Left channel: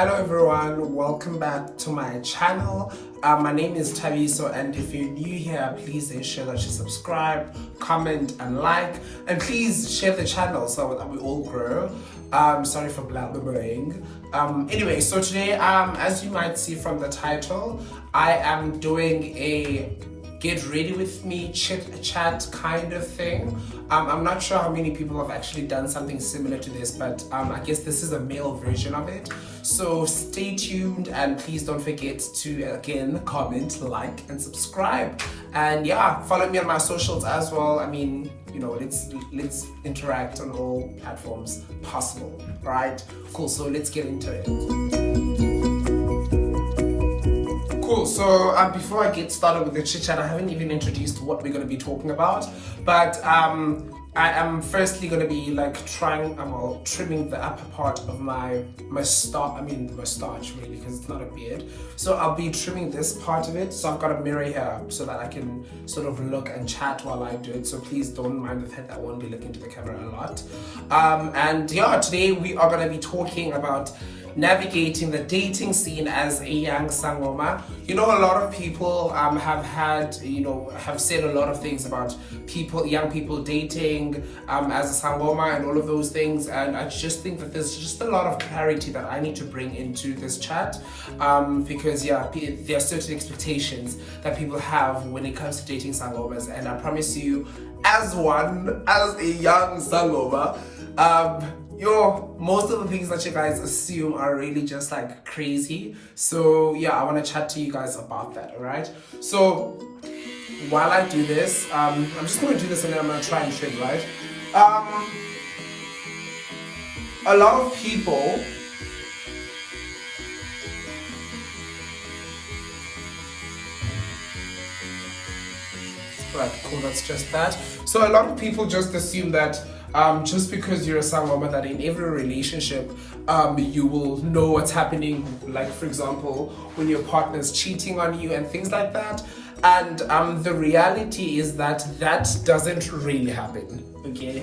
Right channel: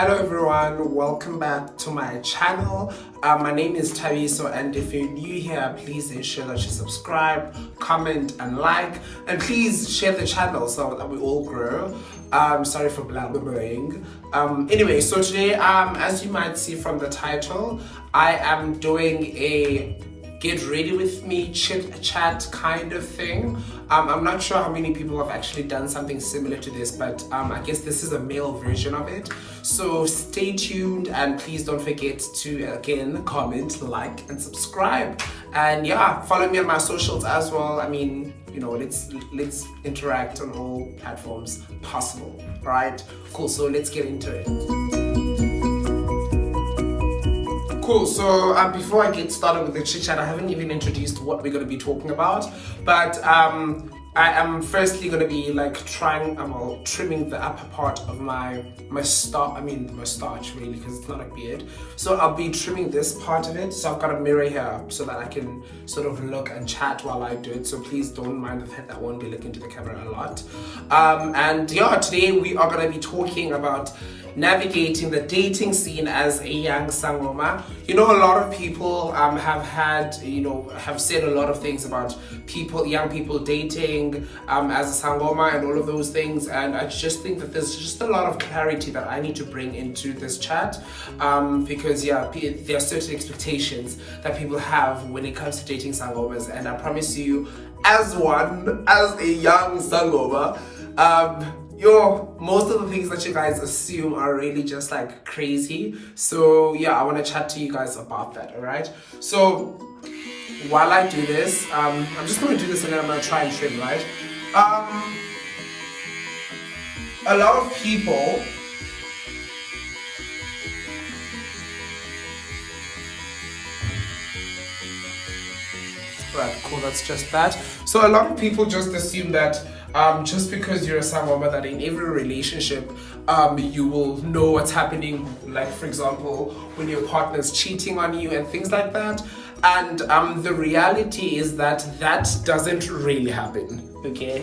Hello everyone, welcome back to my channel. My name is Taviso, and if you're new here, please ensure that you subscribe, comment and like, and please share the channel so that we all grow. Sorry for blabbering. Anyway, so today, as you might see from the title, I am doing a get ready with me chit chat kind of thing. I'm not sure how many people have actually done something similar to this, but I guess this is a male version of it. So stay tuned, and please don't forget to again comment, like and subscribe, and yeah, follow me on my socials as well. I mean, you know, let's interact on all platforms possible. Right, cool. So let's get into it. Cool, so before I get started with the chit chat, I haven't even introduced what we're going to be talking about, but I am firstly going to be like trimming the upper part of my mustache really, because it's not a beard. So I'll be trimming this part of it. So I've got a mirror here so that I can sort of look and chat while I do it. So please don't mind the fact that I won't be looking to the camera a lot. And yeah, today we are going to be talking about navigating the dating scene as a young Sangoma. You know, a lot of people have said a lot of things about young people dating as a Sangoma and all of those things, and I just think that there's just a lot of clarity that I need to bring into this chat, because yeah, there are certain expectations that people have when it comes to dating Sangomas, and I promise you, as a young Sangoma, most of the things that you guys assume are really just like crazy. So yeah, I want to chat to you guys about that. All right, so while I do this, I'm just going to do this and then I'm going to try and trim, right? A lot of people right, cool, that's just that. So a lot of people just assume that just because you're a Sangoma, that in every relationship you will know what's happening, like for example when your partner's cheating on you and things like that. And the reality is that doesn't really happen, okay?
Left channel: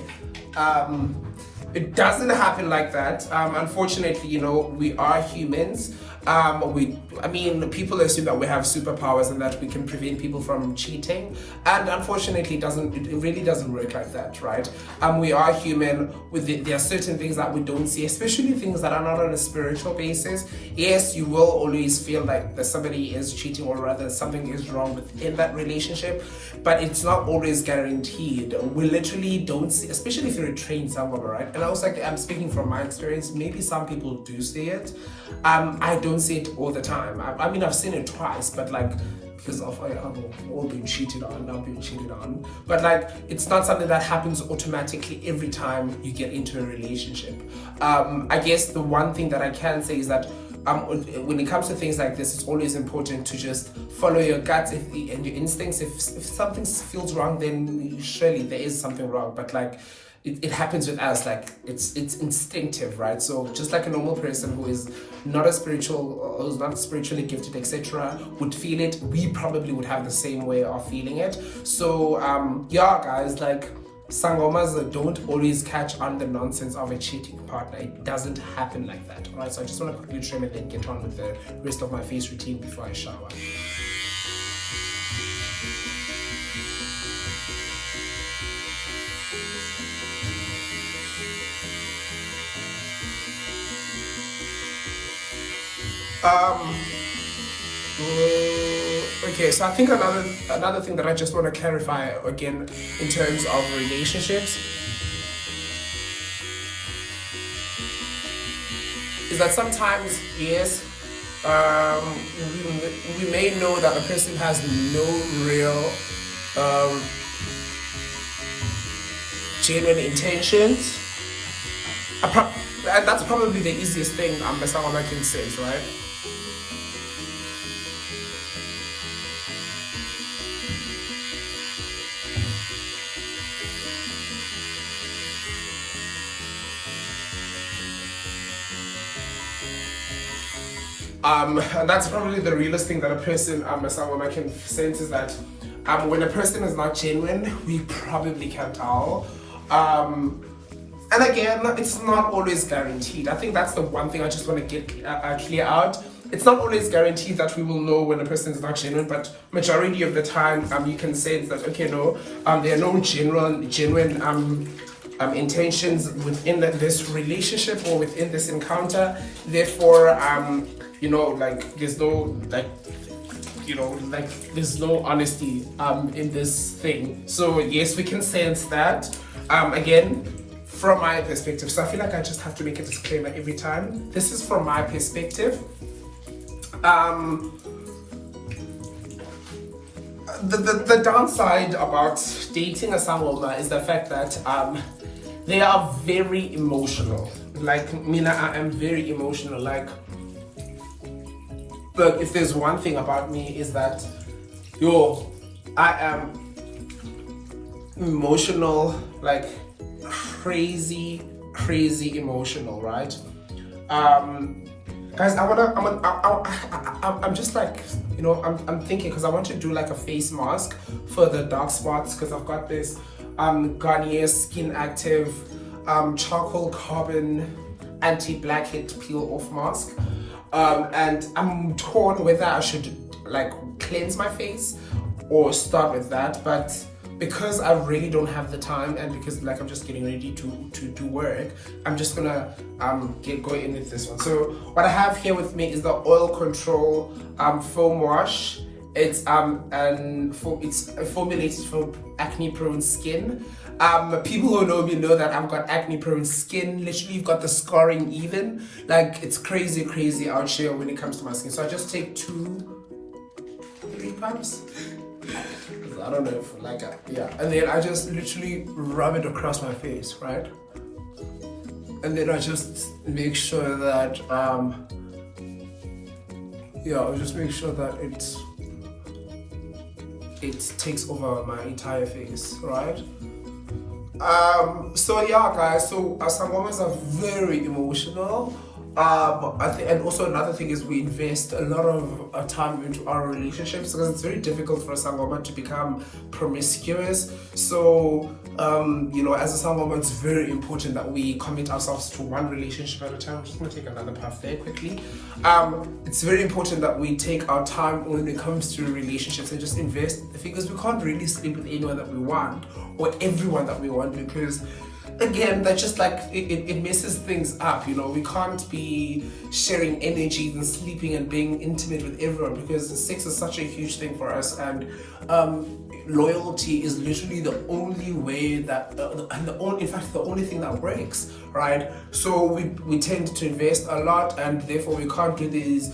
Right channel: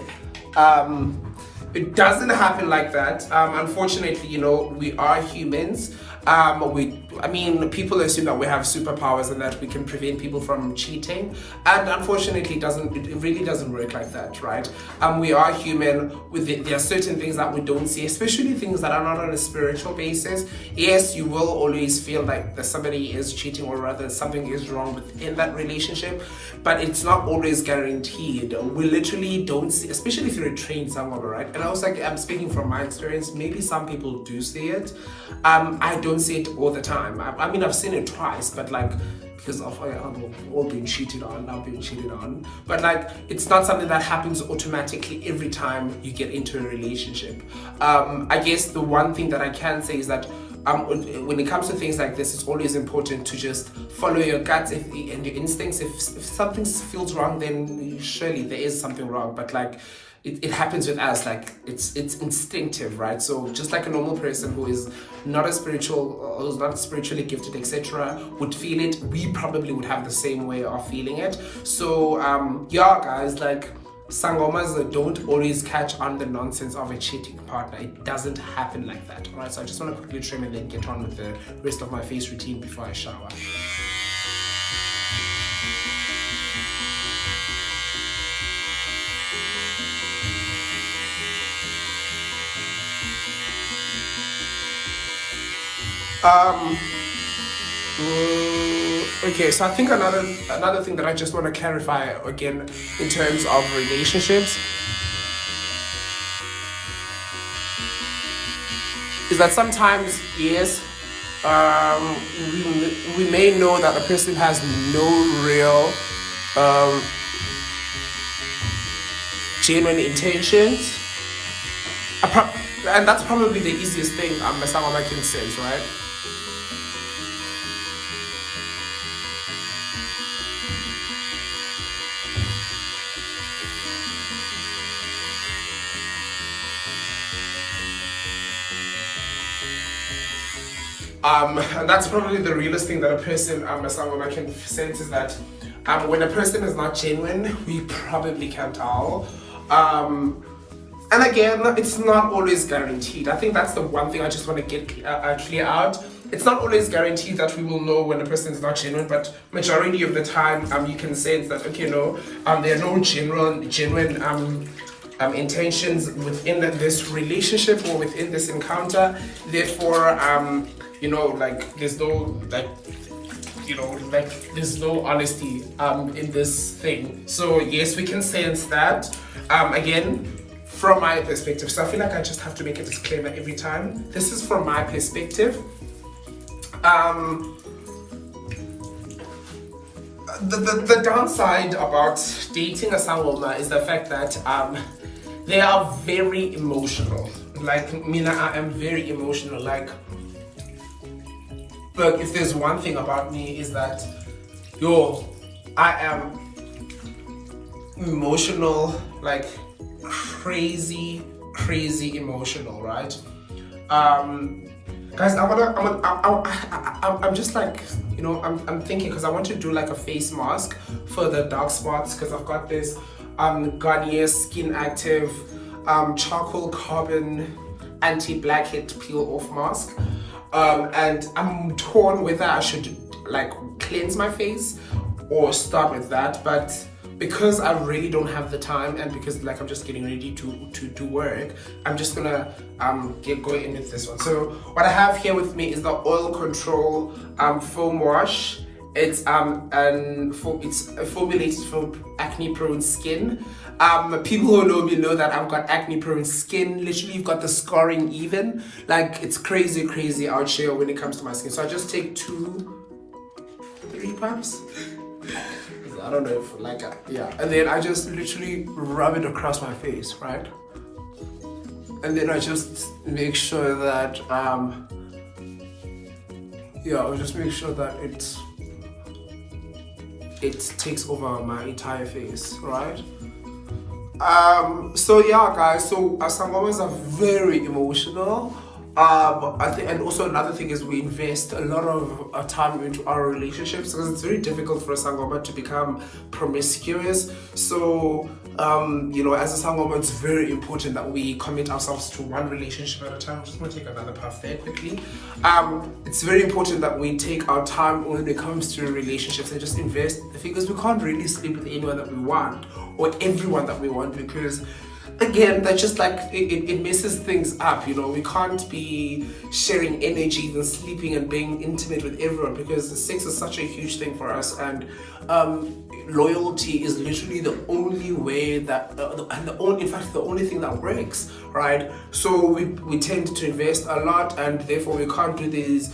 It doesn't happen like that. Unfortunately, you know, we are humans. People assume that we have superpowers and that we can prevent people from cheating, and unfortunately it really doesn't work like that, right? We are human. There are certain things that we don't see, especially things that are not on a spiritual basis. Yes, you will always feel like that somebody is cheating, or rather something is wrong within that relationship, but it's not always guaranteed. We literally don't see, especially if you're a trained Sangoma, right? And I was like, I'm speaking from my experience, maybe some people do see it. I don't see it all the time. I mean, I've seen it twice, but like, because of all being cheated on, now being cheated on. But like, it's not something that happens automatically every time you get into a relationship. I guess the one thing that I can say is that when it comes to things like this, it's always important to just follow your guts and your instincts. If something feels wrong, then surely there is something wrong. But like, it happens with us, like it's instinctive, right? So just like a normal person who is not as spiritual or who's not spiritually gifted, etc., would feel it, we probably would have the same way of feeling it. So yeah, guys, like Sangomas don't always catch on the nonsense of a cheating partner. It doesn't happen like that. All right, so I just want to quickly trim and then get on with the rest of my face routine before I shower. Okay, so I think another thing that I just want to clarify again in terms of relationships is that sometimes, yes, we may know that a person has no real genuine intentions, and that's probably the easiest thing a Sangoma can say, right? And that's probably the realest thing that a person, a Sangoma, can sense, is that when a person is not genuine, we probably can tell. And again, it's not always guaranteed. I think that's the one thing I just want to get clear out. It's not always guaranteed that we will know when a person is not genuine, but majority of the time, you can sense that, okay, no, there are no genuine intentions within this relationship or within this encounter. Therefore, you know, like there's no like, you know, like there's no honesty in this thing. So yes, we can sense that. Again, from my perspective, so I feel like I just have to make a disclaimer every time. This is from my perspective. The downside about dating a sangoma is the fact that they are very emotional. Like Mina, I am very emotional. Like if there's one thing about me is that, I am emotional, like crazy emotional, right? Guys, I'm just like, you know, I'm thinking, because I want to do like a face mask for the dark spots, because I've got this Garnier Skin Active charcoal carbon anti-blackhead peel off mask, and I'm torn whether I should like cleanse my face or start with that. But because I really don't have the time, and because like I'm just getting ready to work, I'm just gonna go in with this one. So what I have here with me is the Oil Control foam wash. It's it's formulated for acne prone skin. People who know me know that I've got acne prone skin. Literally, you've got the scarring even. Like it's crazy out here when it comes to my skin. So I just take 2-3 pumps. I don't know if like yeah, and then I just literally rub it across my face, right? And then I just make sure that I'll just make sure that it takes over my entire face, right? So yeah, guys, so sangomas are very emotional. I think, and also another thing is we invest a lot of time into our relationships, because it's very difficult for a sangoma to become promiscuous. So you know, as a sangoma, it's very important that we commit ourselves to one relationship at a time. I'm just gonna take another puff there quickly. It's very important that we take our time when it comes to relationships and just invest. The thing is, we can't really sleep with anyone that we want or everyone that we want, because again, that's just like it messes things up. You know, we can't be sharing energies and sleeping and being intimate with everyone, because sex is such a huge thing for us, and loyalty is literally the only way that in fact the only thing that works, right? So we tend to invest a lot, and therefore we can't do these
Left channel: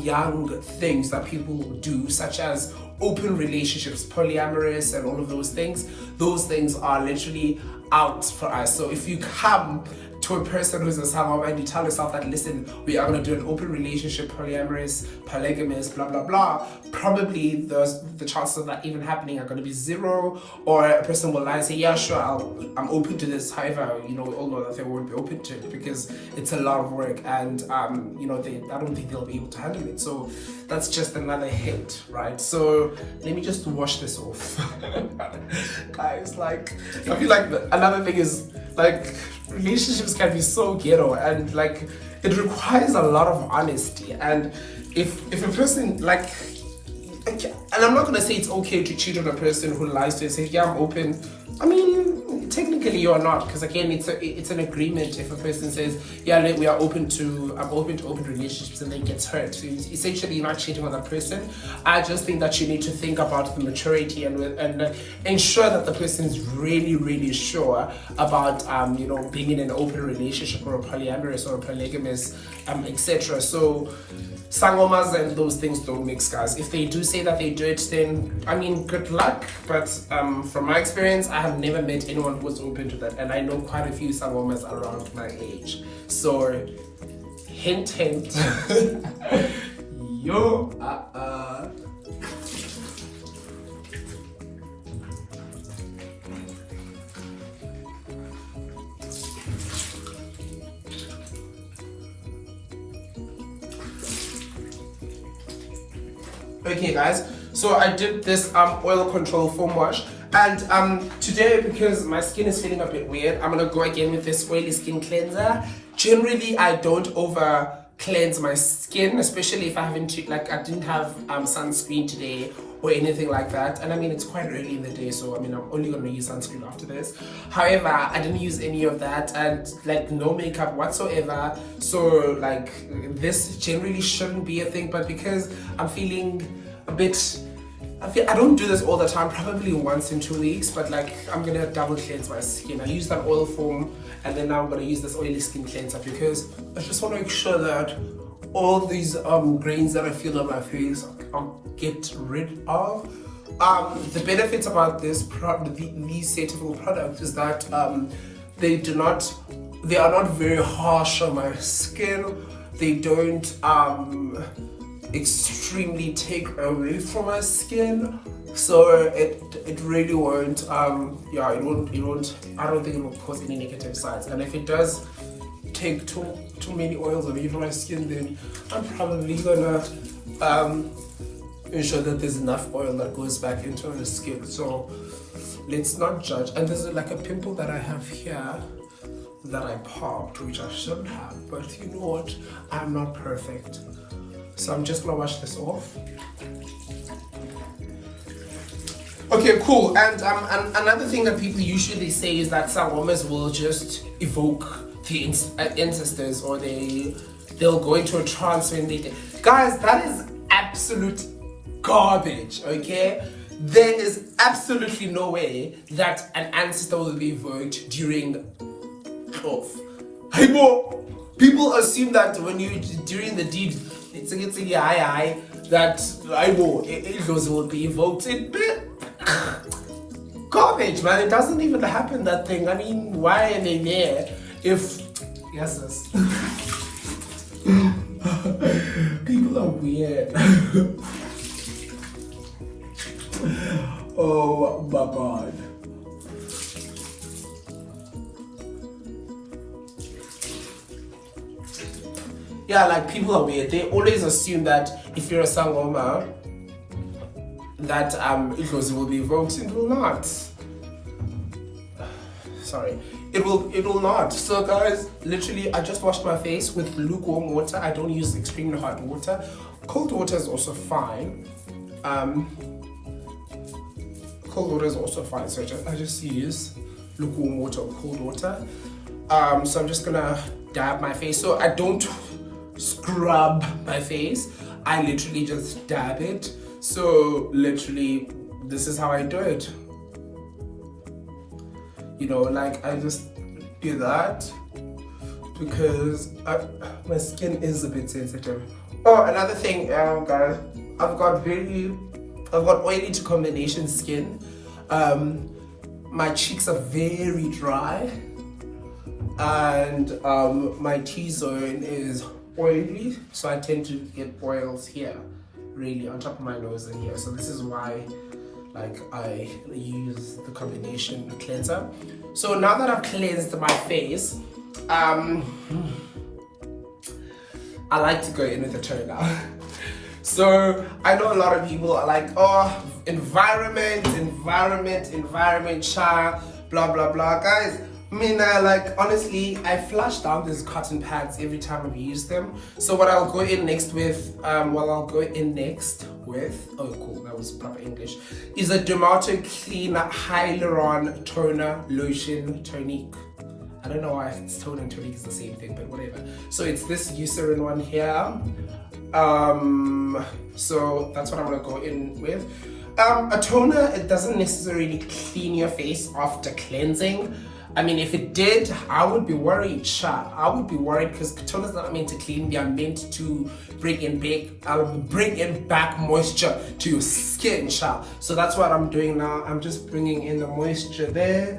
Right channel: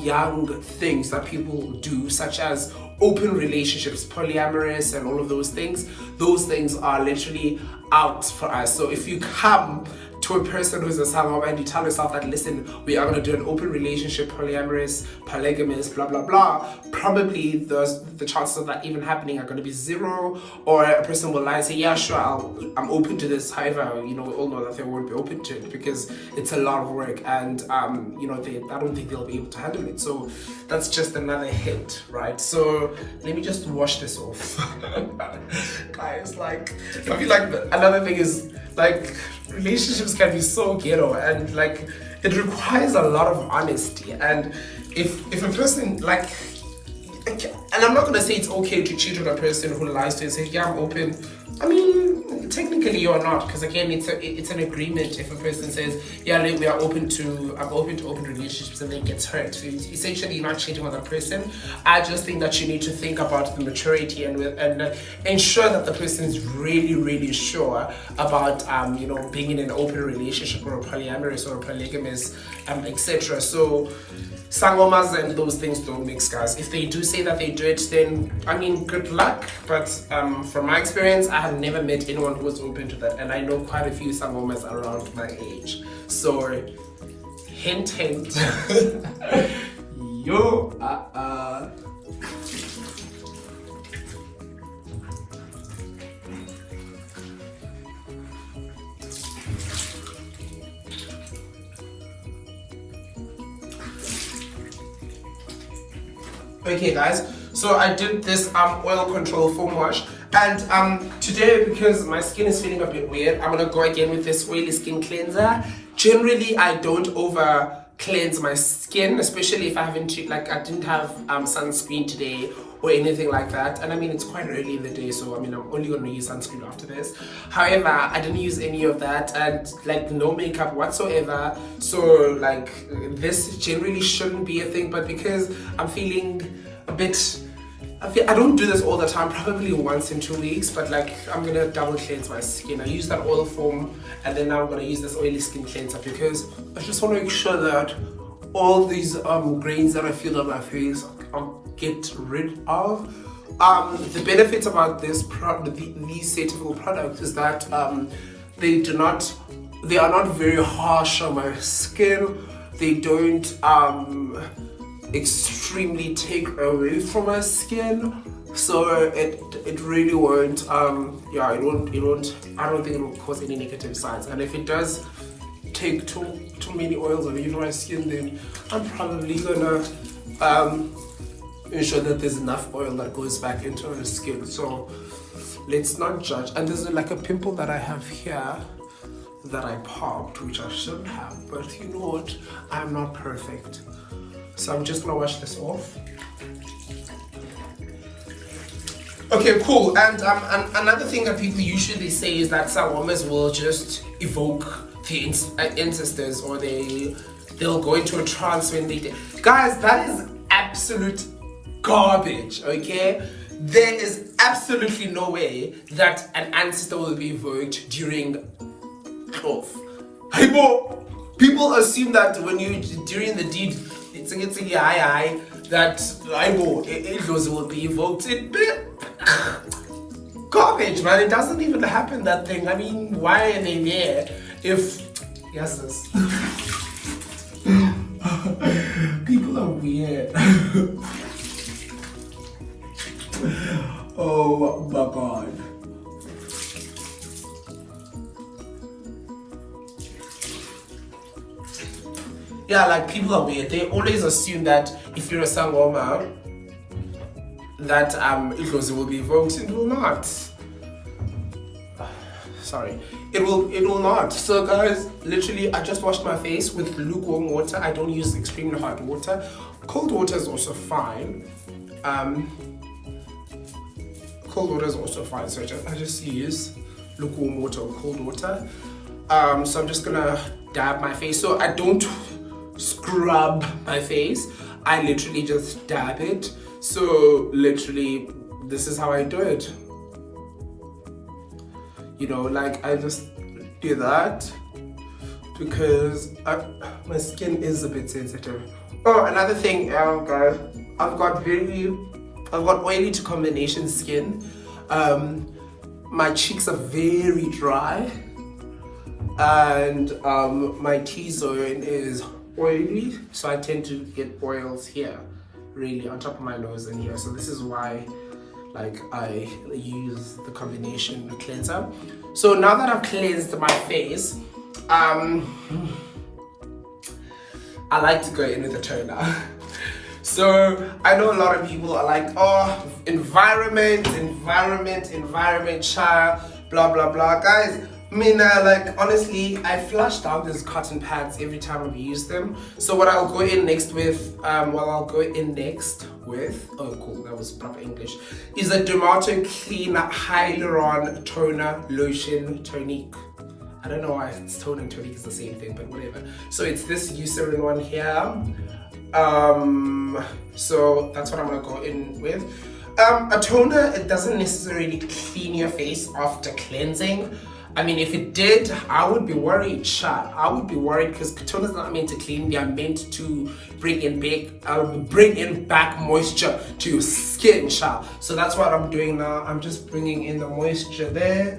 young things that people do, such as open relationships, polyamorous, and all of those things. Those things are literally out for us. So if you come to a person who's a sangoma and you tell yourself that, listen, we are going to do an open relationship, polyamorous, polygamous, blah blah blah, probably the chances of that even happening are going to be 0. Or a person will lie and say, yeah, sure, I'm open to this. However, you know, we all know that they won't be open to it, because it's a lot of work, and you know, I don't think they'll be able to handle it. So that's just another hint, right? So let me just wash this off. Guys, like, I feel like another thing is, like, relationships can be so ghetto, and like it requires a lot of honesty. And if a person like, and I'm not gonna say it's okay to cheat on a person who lies to you and say, yeah, I'm open. I mean, technically you're not, because again, it's an agreement. If a person says, yeah, I'm open to open relationships, and then gets hurt, so essentially you're not cheating on that person. I just think that you need to think about the maturity and ensure that the person is really sure about you know, being in an open relationship, or a polyamorous or a polygamous, etc. So sangomas and those things don't mix, guys. If they do say that they do it, then I mean, good luck. But from my experience, I have never met anyone who was open to that, and I know quite a few sangomas around my age. So hint yo Okay, guys, so I did this oil control foam wash, And today, because my skin is feeling a bit weird, I'm gonna go again with this oily skin cleanser. Generally, I don't over cleanse my skin, especially if I haven't, like, I didn't have sunscreen today or anything like that. And I mean, it's quite early in the day, so I mean, I'm only gonna use sunscreen after this. However, I didn't use any of that, and like no makeup whatsoever. So like this generally shouldn't be a thing, but because I'm feeling a bit, I don't do this all the time, probably once in 2 weeks, but like I'm gonna double cleanse my skin. I use that oil foam, and then now I'm gonna use this oily skin cleanser because I just want to make sure that all these grains that I feel on my face I'll get rid of. The benefits about this these Cetaphil products is that they are not very harsh on my skin. They don't extremely take away from my skin, so it really won't I don't think it will cause any negative sides. And if it does take too many oils away from my skin, then I'm probably gonna ensure that there's enough oil that goes back into the skin. So let's not judge. And there's like a pimple that I have here that I popped, which I shouldn't have, but you know what, I'm not perfect. So I'm just gonna wash this off. Okay, cool. And another thing that people usually say is that sangomas will just evoke the ancestors, or they'll go into a trance when they did. Guys, that is absolute garbage, okay? There is absolutely no way that an ancestor will be evoked during cloth. People assume that when during the deed, it's that it will be evoked. Garbage, man. It doesn't even happen, that thing. I mean, why are they there if yes, sis. People are weird. Oh my god. Yeah, like people are weird. They always assume that if you're a sangoma, that it will be evoked. It will not. Sorry, it will not. So guys, literally, I just washed my face with lukewarm water. I don't use extremely hot water. Cold water is also fine. Cold water is also fine. So I just use lukewarm water or cold water. So I'm just gonna dab my face. So I don't scrub my face. I literally just dab it. So literally, this is how I do it. You know, like I just do that because my skin is a bit sensitive. Oh, another thing, guys, I've got oily to combination skin. My cheeks are very dry, and my T-zone is oily, so I tend to get oils here, really on top of my nose and here. So this is why, like, I use the combination cleanser. So now that I've cleansed my face, I like to go in with a toner. So I know a lot of people are like, oh, environment, child, blah blah blah. Guys, I mean, like, honestly, I flush down these cotton pads every time I use them. So what I'll go in next with, oh cool, that was proper English, is a Dermato Clean Hyaluron Toner Lotion Tonique. I don't know why it's toner and tonique is the same thing, but whatever. So it's this Eucerin one here. So that's what I'm gonna go in with. A toner, it doesn't necessarily clean your face after cleansing. I mean, if it did, I would be worried, I would be worried, because toners are not meant to clean. They are meant to bring in back moisture to your skin, So that's what I'm doing now. I'm just bringing in the moisture there,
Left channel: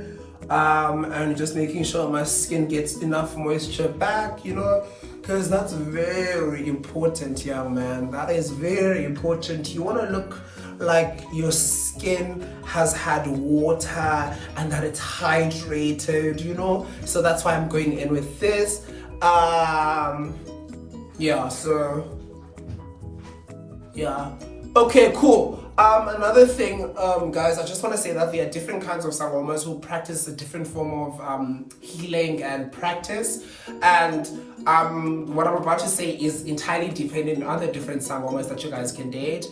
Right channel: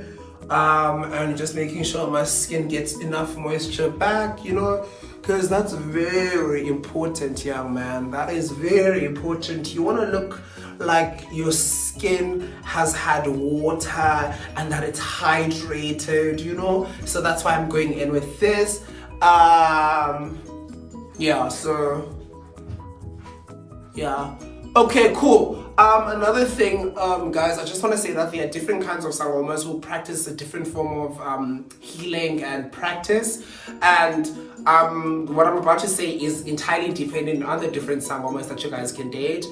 and just making sure my skin gets enough moisture back, you know, because that's very important, young man. That is very important. You want to look like your skin has had water and that it's hydrated, you know. So that's why I'm going in with this. Yeah, so yeah, okay, cool. Another thing, guys, I just want to say that there are different kinds of sangomas who practice a different form of healing and practice, and what I'm about to say is entirely dependent on the different sangomas that you guys can date.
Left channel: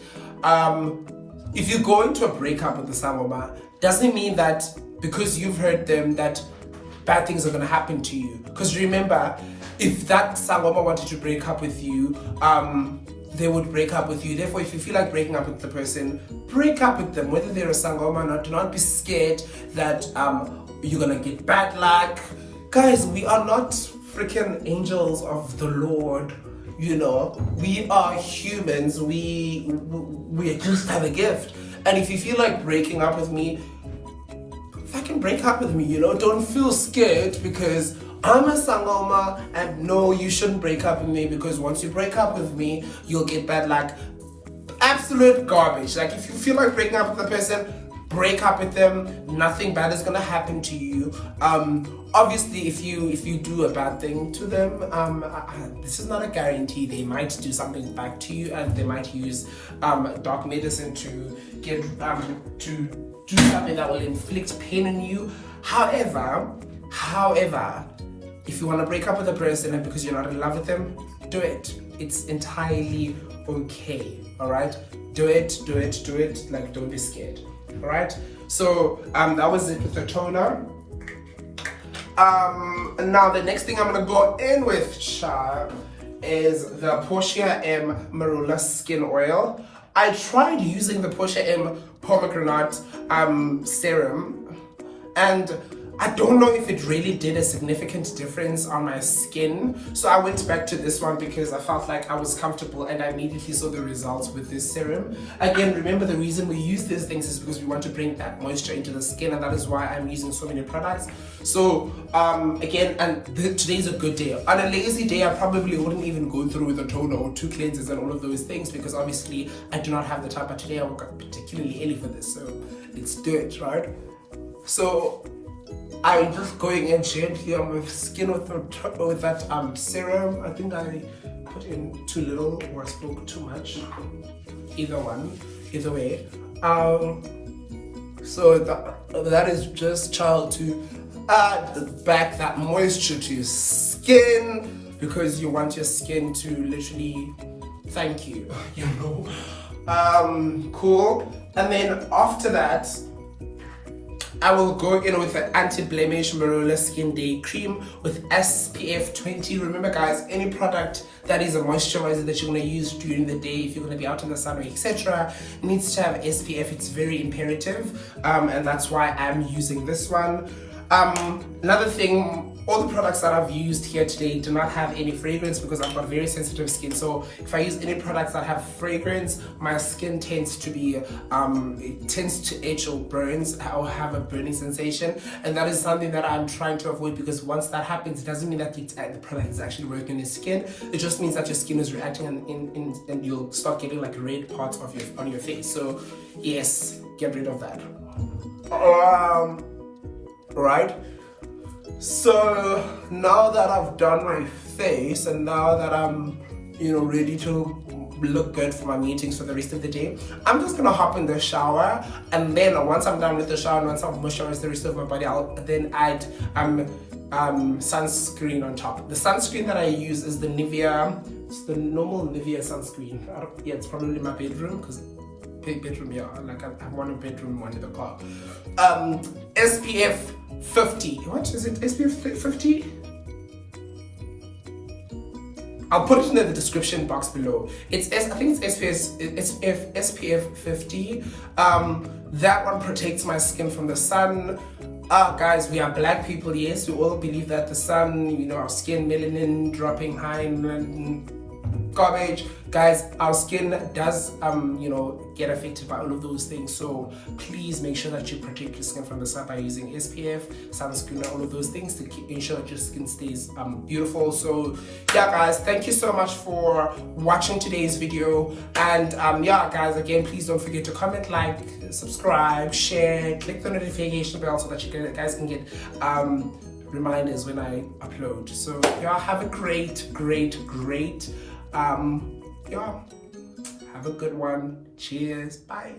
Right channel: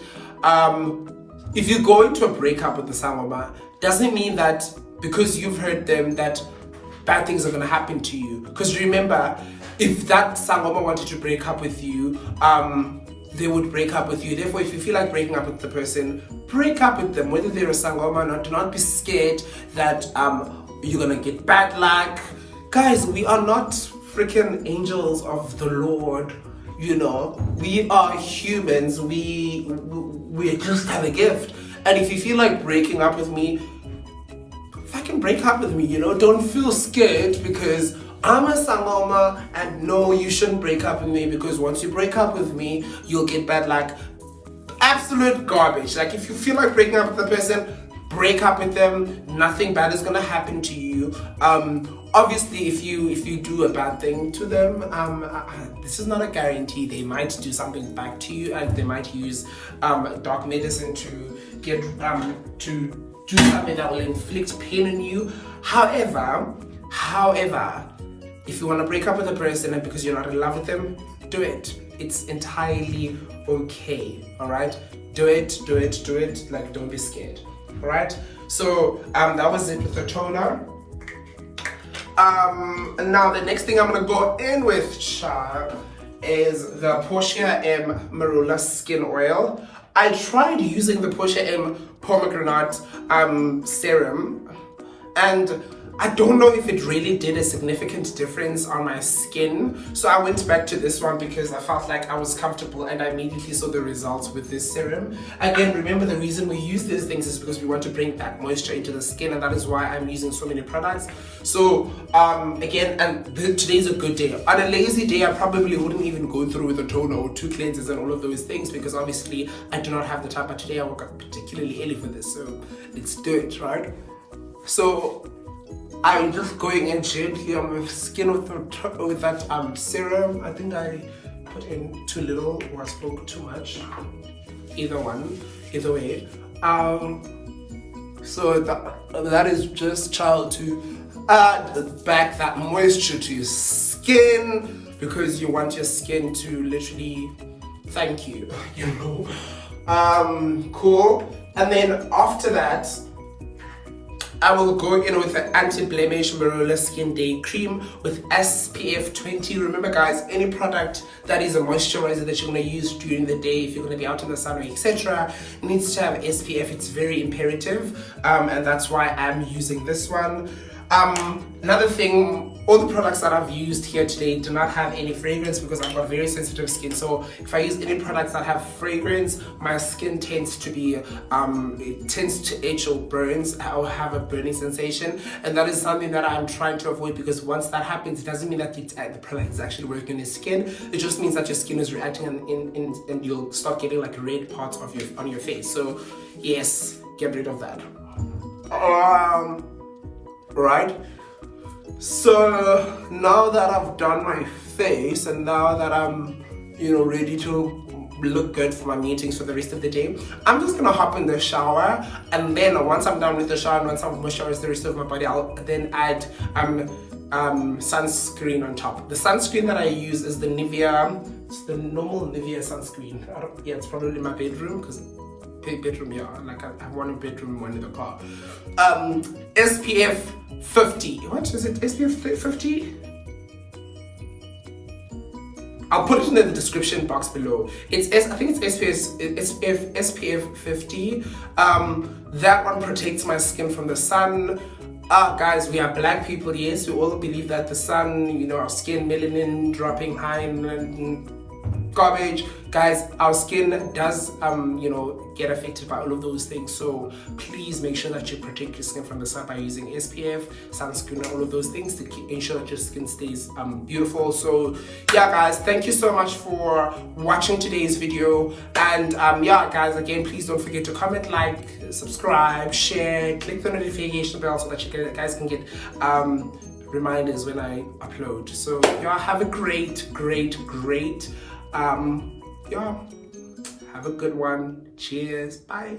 If you go into a breakup with the sangoma, doesn't mean that because you've heard them that bad things are going to happen to you. Because remember, if that sangoma wanted to break up with you, they would break up with you. Therefore, if you feel like breaking up with the person, break up with them, whether they're a sangoma or not. Do not be scared that you're gonna get bad luck. Guys, we are not freaking angels of the Lord. You know, we are humans. We just have a gift. And if you feel like breaking up with me, fucking break up with me. You know, don't feel scared because I'm a sangoma, and no, you shouldn't break up with me because once you break up with me, you'll get bad luck. Absolute garbage. Like, if you feel like breaking up with the person, break up with them. Nothing bad is gonna happen to you. Obviously, if you do a bad thing to them, this is not a guarantee. They might do something back to you, and they might use dark medicine to get to do something that will inflict pain on you. However, if you want to break up with a person and because you're not in love with them, do it. It's entirely okay. All right, do it. Like, don't be scared. All right. So that was it with the toner. And now the next thing I'm gonna go in with, child, is the Portia M Marula Skin Oil. I tried using the Portia M Pomegranate Serum, and I don't know if it really did a significant difference on my skin. So I went back to this one because I felt like I was comfortable, and I immediately saw the results with this serum. Again, remember, the reason we use these things is because we want to bring that moisture into the skin, and that is why I'm using so many products. So again, and today's a good day. On a lazy day, I probably wouldn't even go through with a toner or 2 cleansers and all of those things because obviously I do not have the time. But today I woke up particularly early for this, so let's do it, right? So I'm just going in gently on my skin with that serum. I think I put in too little or I spoke too much. Either way. So that is just, child, to add back that moisture to your skin because you want your skin to literally thank you, you know. Cool. And then after that, I will go in with the Anti-Blemish Marula Skin Day Cream with SPF 20. Remember, guys, any product that is a moisturizer that you're going to use during the day, if you're going to be out in the sun, etc., needs to have SPF. It's very imperative, and that's why I'm using this one. Another thing, all the products that I've used here today do not have any fragrance because I've got very sensitive skin. So if I use any products that have fragrance, my skin tends to be, it tends to itch or burns. I'll have a burning sensation, and that is something that I'm trying to avoid because once that happens, it doesn't mean that the product is actually working on your skin. It just means that your skin is reacting, and you'll start getting like red parts on your face. So yes, get rid of that. Right, so now that I've done my face and now that I'm, you know, ready to look good for my meetings for the rest of the day, I'm just gonna hop in the shower, and then once I'm done with the shower, once I've moisturized the rest of my body, I'll then add sunscreen on top. The sunscreen that I use is the Nivea, it's the normal Nivea sunscreen. Yeah, it's probably in my bedroom because bedroom, yeah, like I have one in the bedroom, one in the car. SPF 50. What is it? SPF 50? I'll put it in the description box below. I think it's SPF 50. That one protects my skin from the sun. Guys, we are black people, yes, we all believe that the sun, you know, our skin, melanin dropping high and garbage. Guys, our skin does you know, get affected by all of those things, so please make sure that you protect your skin from the sun by using SPF, sunscreen, all of those things to ensure that your skin stays beautiful. So yeah, guys, thank you so much for watching today's video, and yeah, guys, again, please don't forget to comment, like, subscribe, share, click the notification bell so that you guys can get reminders when I upload. So yeah, have a great yeah, have a good one. Cheers. Bye.